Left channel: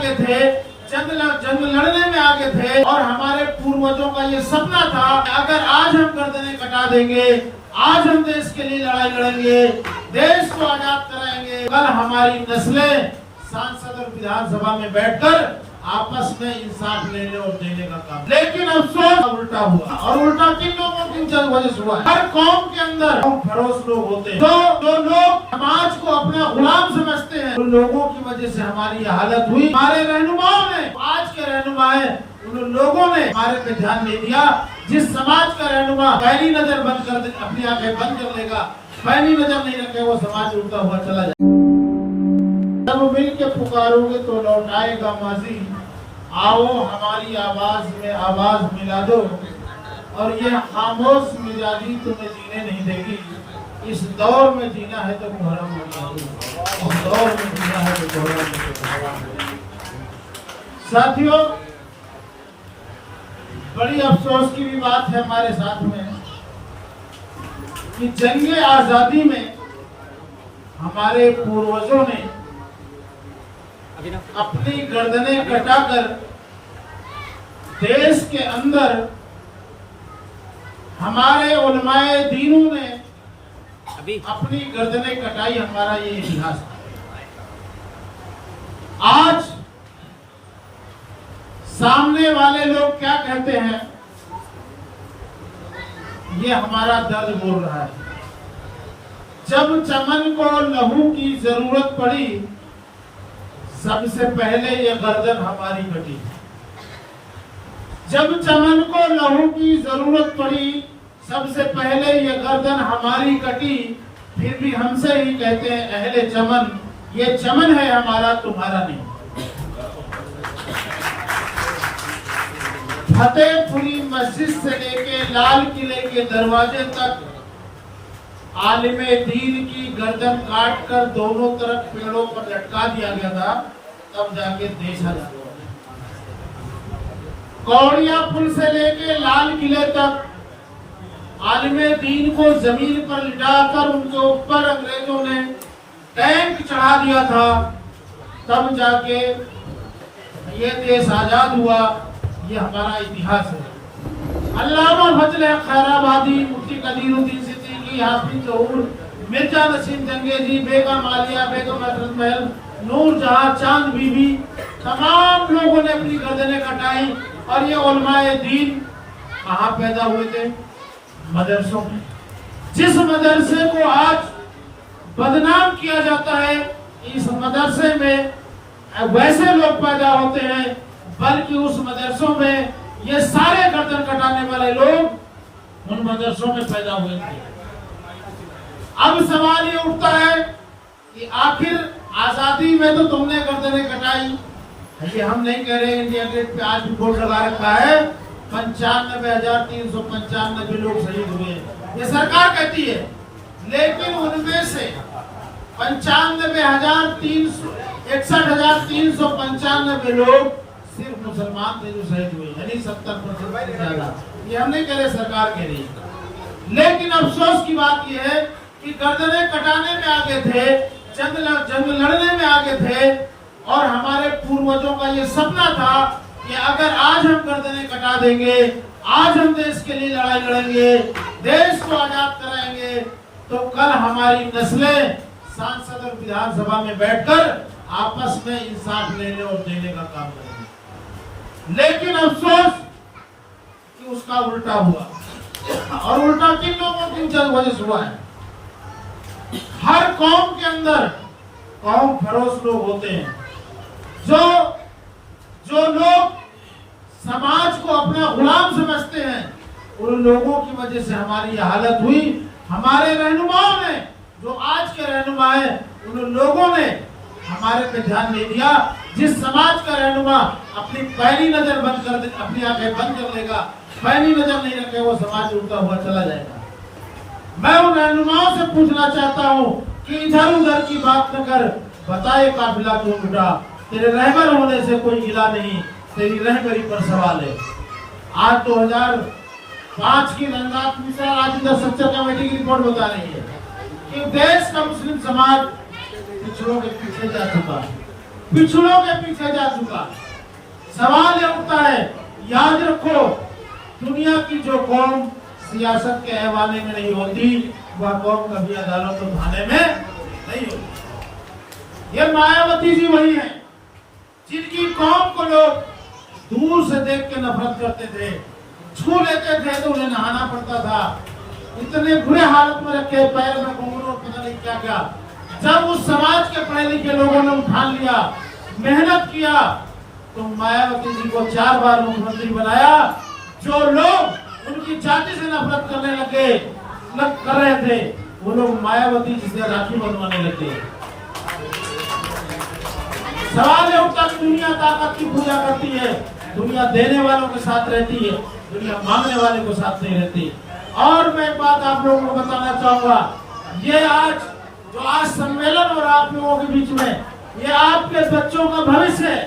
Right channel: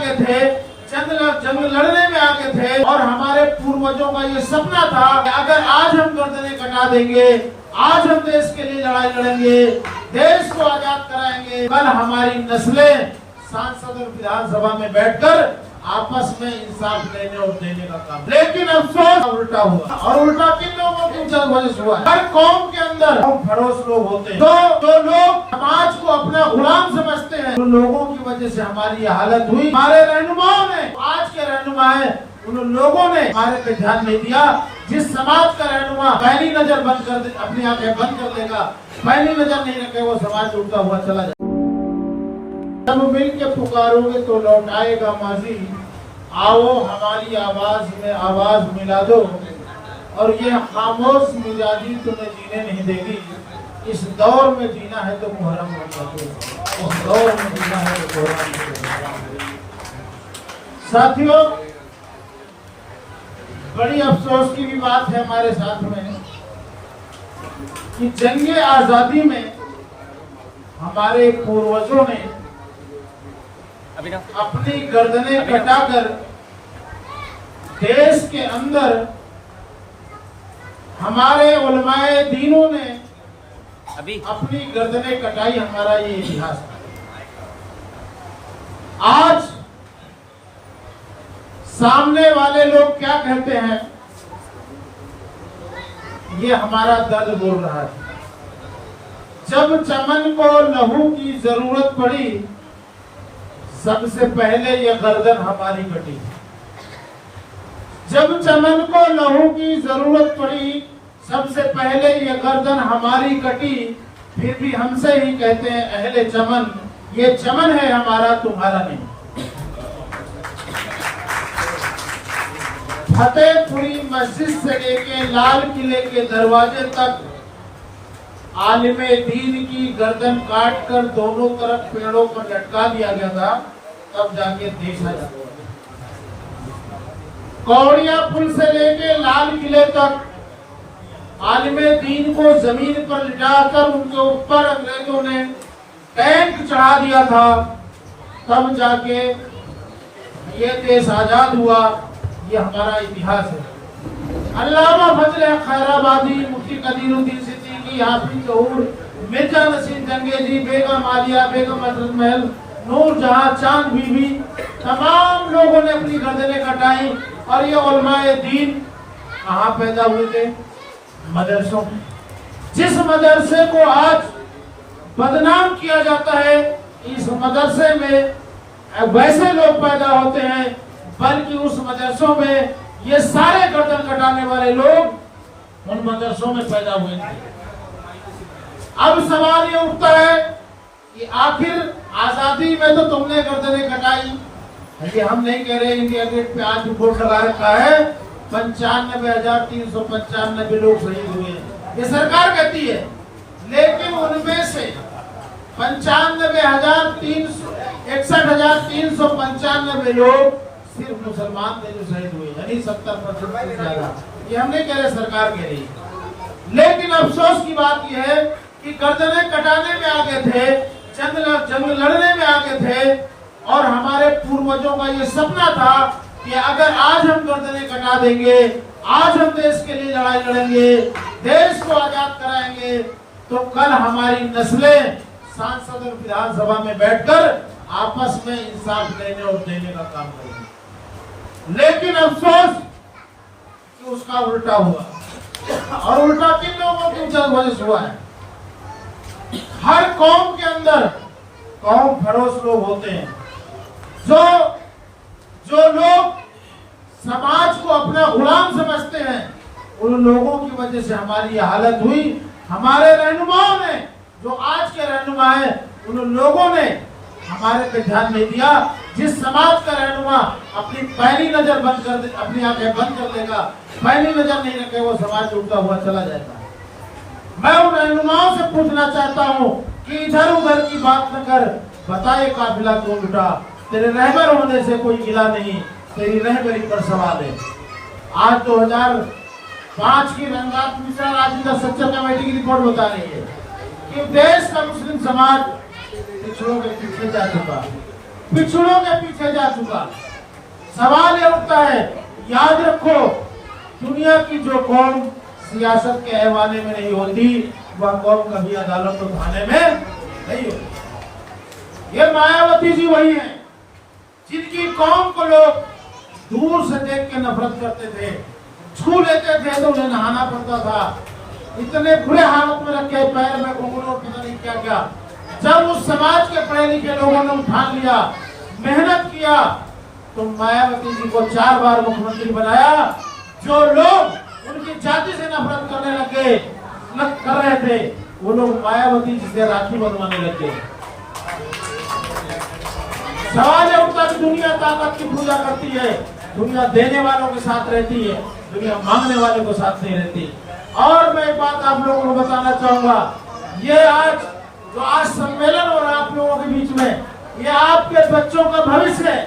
आगे थे, जंग लड़ने में आगे थे। और हमारे पूर्वजों का ये सपना था कि अगर आज हम गर्दनें कटा देंगे, आज हम देश के लिए लड़ाई लड़ेंगे, देश को आजाद कराएंगे, कल हमारी नस्लें सांसद और विधानसभा में बैठकर आपस में इंसाफ लेने और देने का काम। लेकिन अफसोस उल्टा हुआ। और उल्टा किन लोगों की वजह से हुआ? हर कौम के अंदर फरोश लोग होते हैं, जो लोग समाज को अपना गुलाम समझते हैं, उन लोगों की वजह से हमारी हालत हुई। हमारे रहनुमाओं ने, आज के रहनुमा है, उन लोगों ने हमारे पे ध्यान नहीं दिया। जिस समाज का रहनुमा पहली नजर बंद कर दे, अपनी आंखें बंद कर लेगा, पहली नजर नहीं रखे, वो समाज उल्टा हुआ चला जाए। जब मिल के पुकारोगे तो लौटाएगा माजी, आओ हमारी आवाज में आवाज मिला दो, और ये खामोश मिजाजी तुम्हें जीने नहीं देगी। इस दौर में जीना है तो मुहर्रम मना दो, इस दौर में जीना है तो मुहर्रम मना दो। साथियों, बड़ी अफसोस की भी बात है हमारे साथ में कि जंगे आजादी में हमारे पूर्वजों ने अपनी गर्दनें कटाकर देश के अंदर हमारे उलमाए दीनों ने अपनी गर्दनें कटाई। हमारा ये इतिहास था। आज सामने वाले लोग क्या कहते हैं, ये हमारा दर्द बोल रहा है। जब चमन को लहू की जरूरत पड़ी, सबसे पहले ये गर्दन हमारी कटी। जब चमन को लहू की जरूरत पड़ी, सबसे पहले ये गर्दन हमारी कटी। फिर भी हमसे ही कहते हैं अहले चमन, ये चमन है हमारा, तुम्हारा नहीं। फतेहपुरी मस्जिद से लेके लाल किले के दरवाजे तक आलिमे दीन की गर्दन काट कर दोनों तरफ पेड़ों पर लटका दिया गया था, तब जाके देश आजाद हुआ। कौड़िया पुल से लेके लाल किले तक आलिमे दीन को जमीन पर लिटाकर उनके ऊपर अंग्रेजों ने टैंक चढ़ा दिया था, तब जाके ये देश आजाद हुआ। ये हमारा इतिहास है। अल्लामा फजल खैराबादी, मुफ्ती कदीरुद्दीन सिद्दीकी, हाफिज ज़हूर, मिर्जा नसीम जंगेजी, बेगम आलिया, बेगम अशरफ महल, नूर जहां, चांद बीबी, तमाम लोगों ने अपनी गर्दनें कटाई। और ये उलमाए दीन कहाँ पैदा हुए थे? मदरसों में। जिस मदरसे को आज बदनाम किया जाता है, इस मदरसे में वैसे लोग पैदा होते हैं, बल्कि उस मदरसों में ये सारे गर्दन कटाने वाले लोग उन मदरसों में पैदा हुए थे। अब सवाल ये उठता है कि आखिर आजादी में तो तुमने गर्दनें कटाई, ये हम नहीं कह रहे हैं। इंडिया गेट पे आज बोर्ड लगा रखा है 95,395 लोग शहीद हुए, ये सरकार कहती है। लेकिन उनमें से 61,395 लोग सिर्फ मुसलमान थे जो शहीद हुए, यानी 70% ज्यादा। ये हम नहीं कह रहे, सरकार कह रही है। लेकिन अफसोस की बात यह है कि गर्दनें कटाने में आगे थे, जंग लड़ने में आगे थे। और हमारे पूर्वजों का ये सपना था कि अगर आज हम गर्दनें कटा देंगे, आज हम देश के लिए लड़ाई लड़ेंगे, देश को आजाद कराएंगे, तो कल हमारी नस्लें सांसद और विधानसभा में बैठकर आपस में इंसाफ लेने और देने का काम करेंगे। लेकिन अफसोस कि उसका उल्टा हुआ। और उल्टा किन लोगों की वजह से हुआ है? हर कौम के अंदर कौम फरोश लोग होते हैं, जो लोग समाज को अपना गुलाम समझते हैं, उन लोगों की वजह से हमारी हालत हुई। हमारे रहनुमाओं ने, जो आज के रहनुमा है, उन लोगों ने हमारे पे ध्यान नहीं दिया। जिस समाज का रहनुमा अपनी पहली नजर बंद कर दे, अपनी आंखें बंद कर लेगा, पहली नजर नहीं रखे, वो समाज उल्टा हुआ चला जाएगा। मैं उन रहनुमाओं से पूछना चाहता हूँ कि इधर उधर की बात न कर, बताए काफिला क्यों उठा? तेरे रहबर होने से कोई गिला नहीं, तेरी रहबरी पर सवाल है। आज 2005 की रंगात मिसाल आज इधर सच्चर कमेटी की रिपोर्ट बता रही है कि देश का मुस्लिम समाज पिछड़ों के पीछे जा चुका है। पिछड़ों के पीछे जा चुका। सवाल ये उठता है, याद रखो, दुनिया की जो कौम सियासत के ऐवाने में नहीं होती, वह कौम कभी अदालत और थाने में नहीं होती। ये मायावती जी वही है जिनकी कौम को लोग दूर से देख के नफरत करते थे, छू लेते थे तो उन्हें नहाना पड़ता था, इतने बुरे हालत में रखे, पैर में घुंघरू और पता नहीं क्या क्या। जब उस समाज के पढ़े लिखे लोगों ने उठान लिया, मेहनत किया, तो मायावती जी को 4 बार मुख्यमंत्री बनाया। जो लोग उनकी जाति से नफरत करने कर रहे थे, वो लोग मायावती जी से राखी बंधवाने लगे। सवाल है उठता कि दुनिया ताकत की पूजा करती है, दुनिया देने वालों के साथ रहती है, दुनिया मांगने वाले को साथ नहीं रहती। और मैं एक बात आप लोगों को बताना चाहूंगा, ये आज सम्मेलन और आप लोगों के बीच में, ये आपके बच्चों का भविष्य है।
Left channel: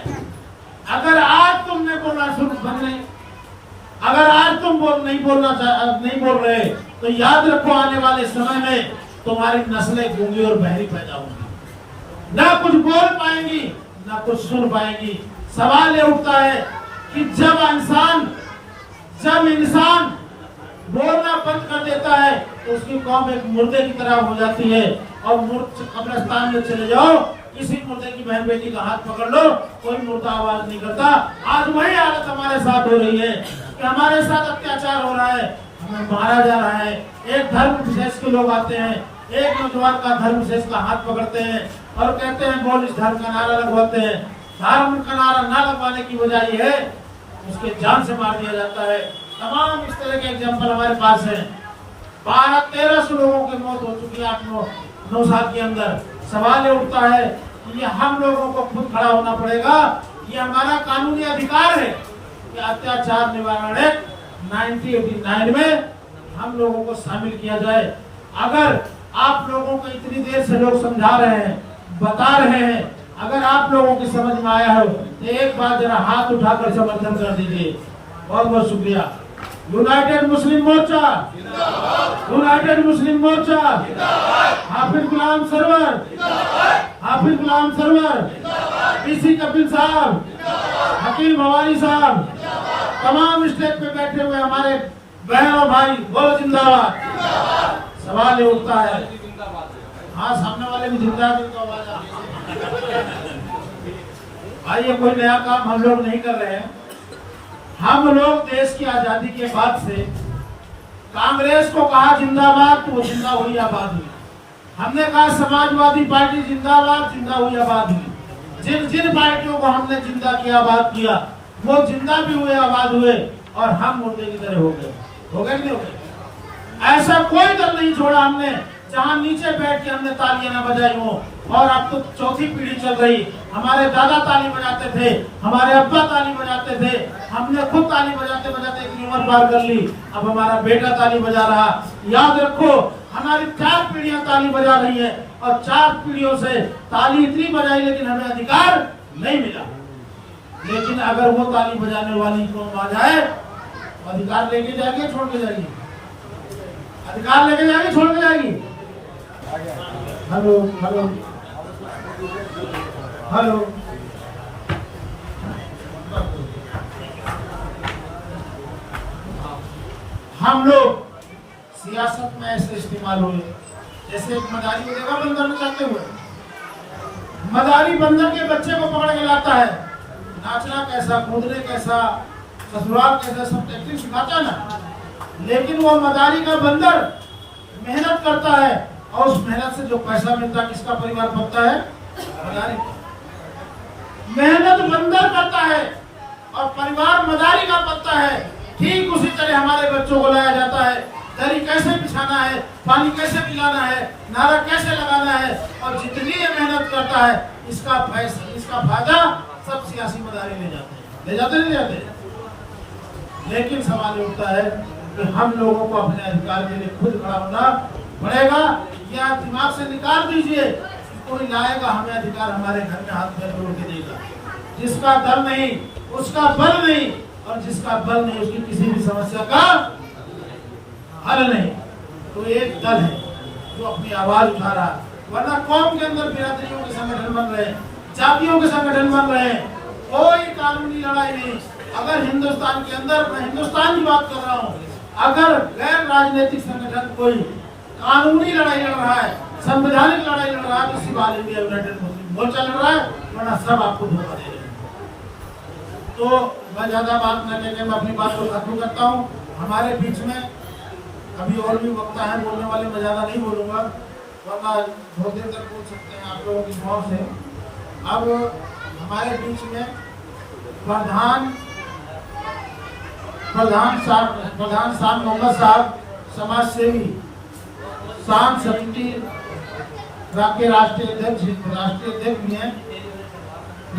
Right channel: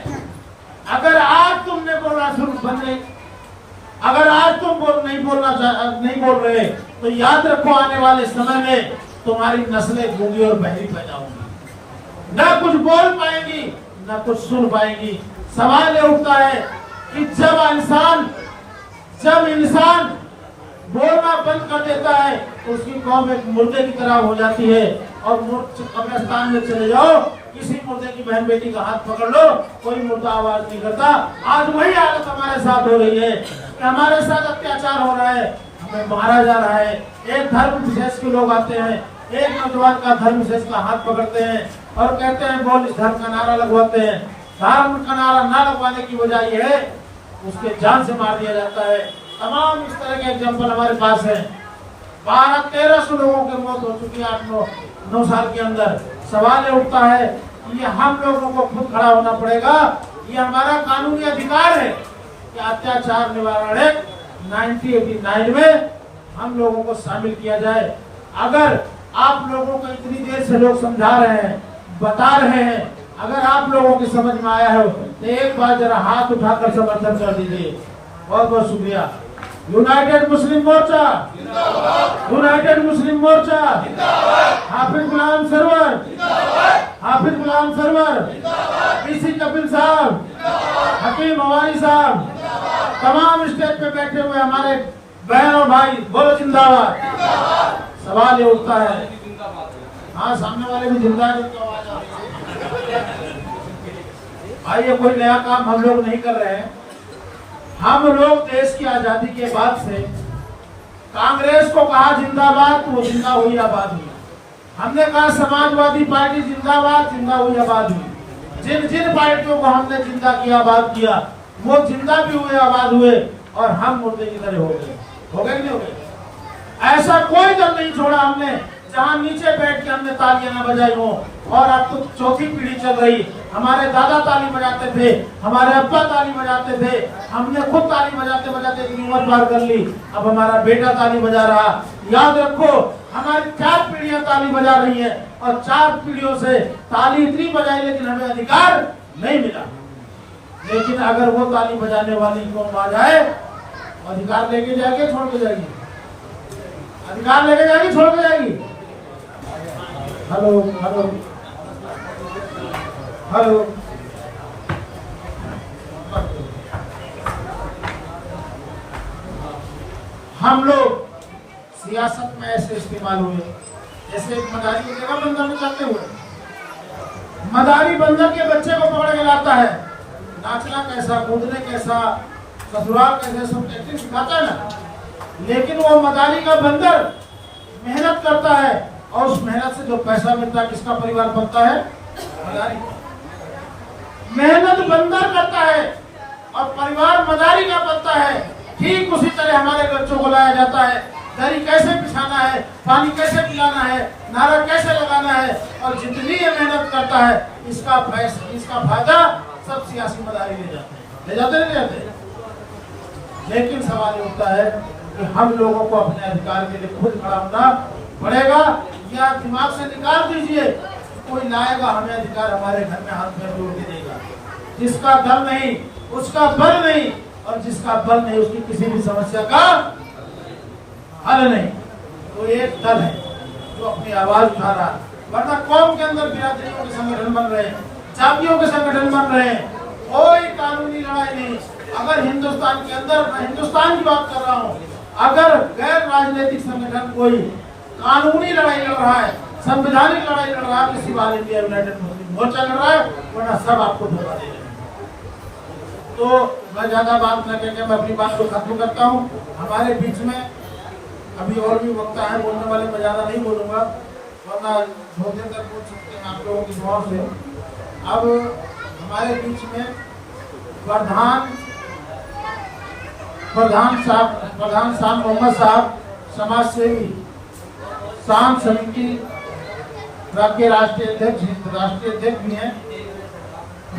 अगर आज तुमने बोलना शुरू कर रहे, अगर आज तुम नहीं बोल रहे, तो याद रखो आने वाले समय में तुम्हारी नस्लें गूंगी और बहरी पैदा होंगी, ना कुछ बोल पाएंगी ना कुछ सुन पाएंगी। सवाल ये उठता है कि जब इंसान बोलना बंद कर देता है तो उसकी कौम एक मुर्दे की तरह हो जाती है। और कब्रिस्तान में चले जाओ, किसी मुर्दे की बहन बेटी का हाथ पकड़ लो, कोई मुर्दा आवाज नहीं करता। आज वही हालत हमारे साथ हो रही है कि हमारे साथ अत्याचार हो रहा है, हमें मारा जा रहा है। एक धर्म विशेष के लोग आते हैं, एक नौजवान का धर्म विशेष का हाथ पकड़ते हैं और कहते हैं बोल, इस धर्म का नारा लगवाते हैं। धर्म का नारा ना लगवाने की वजह यह है उसके जान से मार दिया जाता है। तमाम इस तरह के एग्जाम्पल हमारे पास है। 1200-1300 लोगों की मौत हो चुकी है 8-9 साल के अंदर। सवाल ये उठता है कि ये हम लोगों को खुद खड़ा होना पड़ेगा। ये हमारा कानूनी अधिकार है कि अत्याचार निवारण एक्ट 1989 में हम लोगों को शामिल किया जाए। अगर आप लोगों को इतनी देर से लोग समझा रहे हैं, बता रहे हैं, अगर आप लोगों की समझ में आया हो तो एक बार जरा हाथ उठाकर समर्थन कर दीजिए। बहुत बहुत शुक्रिया। यूनाइटेड मुस्लिम मोर्चा जिंदाबाद, यूनाइटेड मुस्लिम मोर्चा जिंदाबाद, हाफिज गुलाम सरवर जिंदाबाद, हाफिज गुलाम सरवर जिंदाबाद, पीसी कपिल साहब जिंदाबाद, हकीम हवारी साहब जिंदाबाद, तमाम स्टेज पे बैठे हुए हमारे बहन और भाई बोलो जिंदाबाद जिंदाबाद। सवाल ये उठता है, हाँ सामने वाले भी जिंदा है, उनका आवाज आ भाई, ये कोई नया काम हम लोग नहीं कर रहे हैं। हम लोग देश की आजादी के बाद से कांग्रेस को कहा जिंदाबाद तो वो जिंदा हुई आबाद हुई। हमने कहा समाजवादी पार्टी जिंदाबाद, जिंदा हुई आबाद हुई। जिन जिन पार्टियों को हमने जिंदा किया, आबाद किया, वो जिंदा भी हुए, आबाद हुए, और हम मुर्दे की तरह हो गए कि नहीं हो गए? ऐसा कोई दल नहीं छोड़ा हमने जहां नीचे बैठ के हमने तालियां ना बजाई हो। और अब तो चौथी पीढ़ी चल रही। हमारे दादा ताली बजाते थे, हमारे अब्बा ताली बजाते थे, हमने खुद ताली बजाते बजाते इतनी उम्र पार कर ली, अब हमारा बेटा ताली बजा रहा। याद रखो, हमारी 4 पीढ़ियां ताली बजा रही है और 4 पीढ़ियों से ताली इतनी बजाई, लेकिन हमें अधिकार नहीं मिला। लेकिन अगर वो ताली बजाने वाली कौम आ जाए, अधिकार लेके जाएगी, छोड़ के जाएगी? अधिकार लेके जाएगी, छोड़ के जाएगी? हेलो हेलो हेलो, हम लोग सियासत में ऐसे इस्तेमाल हुए जैसे एक मदारी को देखा बंदर में जाते हुए। मदारी बंदर के बच्चे को पकड़ के लाता है, नाचना कैसा, कूदने कैसा, ससुराल कैसा, सब टेक्निक सिखाता है ना। लेकिन वो मदारी का बंदर मेहनत करता है और उस मेहनत से जो पैसा मिलता है, किसका परिवार पलता है? मदारी का। मेहनत बंदर करता है और परिवार मदारी का पलता है। ठीक उसी तरह हमारे बच्चों को लाया जाता है, दरी कैसे बिछाना है, पानी कैसे पिलाना है, नारा कैसे लगाना है, और जितनी ये मेहनत करता है इसका फायदा सब सियासी मदारी ले जाते हैं। ले जाते। लेकिन सवाल उठता है कि हम लोगों को अपने अधिकार के लिए खुद खड़ा होना पड़ेगा, या दिमाग से निकाल दीजिए कोई लाएगा हमें अधिकार, हमारे घर में हाथ में जोड़ के देगा। जिसका दम नहीं उसका बल नहीं, और जिसका बल नहीं उसकी किसी भी समस्या का हल नहीं। तो एक दल है जो अपनी आवाज उठा रहा है, वरना कौम के अंदर बिरादरियों के संगठन बन रहे हैं। जातियों के संगठन बन रहे हैं, कोई कानूनी लड़ाई नहीं। अगर हिंदुस्तान के अंदर, मैं हिंदुस्तान की बात कर रहा हूँ, अगर गैर राजनीतिक संगठन कोई कानूनी लड़ाई लड़ रहा है, संवैधानिक लड़ाई लड़ रहा है, तो सिर्फ ऑल इंडिया यूनाइटेड मुस्लिम मोर्चा लड़ रहा है, वरना सब आपको धोखा दे रहे हैं। तो मैं ज्यादा बात न करके मैं अपनी बात को खत्म करता हूँ। हमारे बीच में अभी और भी वक्ता है बोलने वाले, मैं ज्यादा नहीं बोलूंगा, वरना बहुत देर तक बोल सकते हैं आप लोगों की दुआओं से। अब हमारे बीच में प्रधान साहब मोहम्मद साहब, समाज सेवी, शांत समिति के राष्ट्रीय अध्यक्ष भी हैं,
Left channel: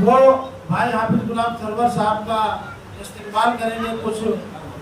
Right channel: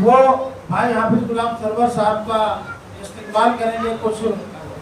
वो भाई हाफिज गुलाम सरवर साहब का इस्तेमाल करेंगे, कुछ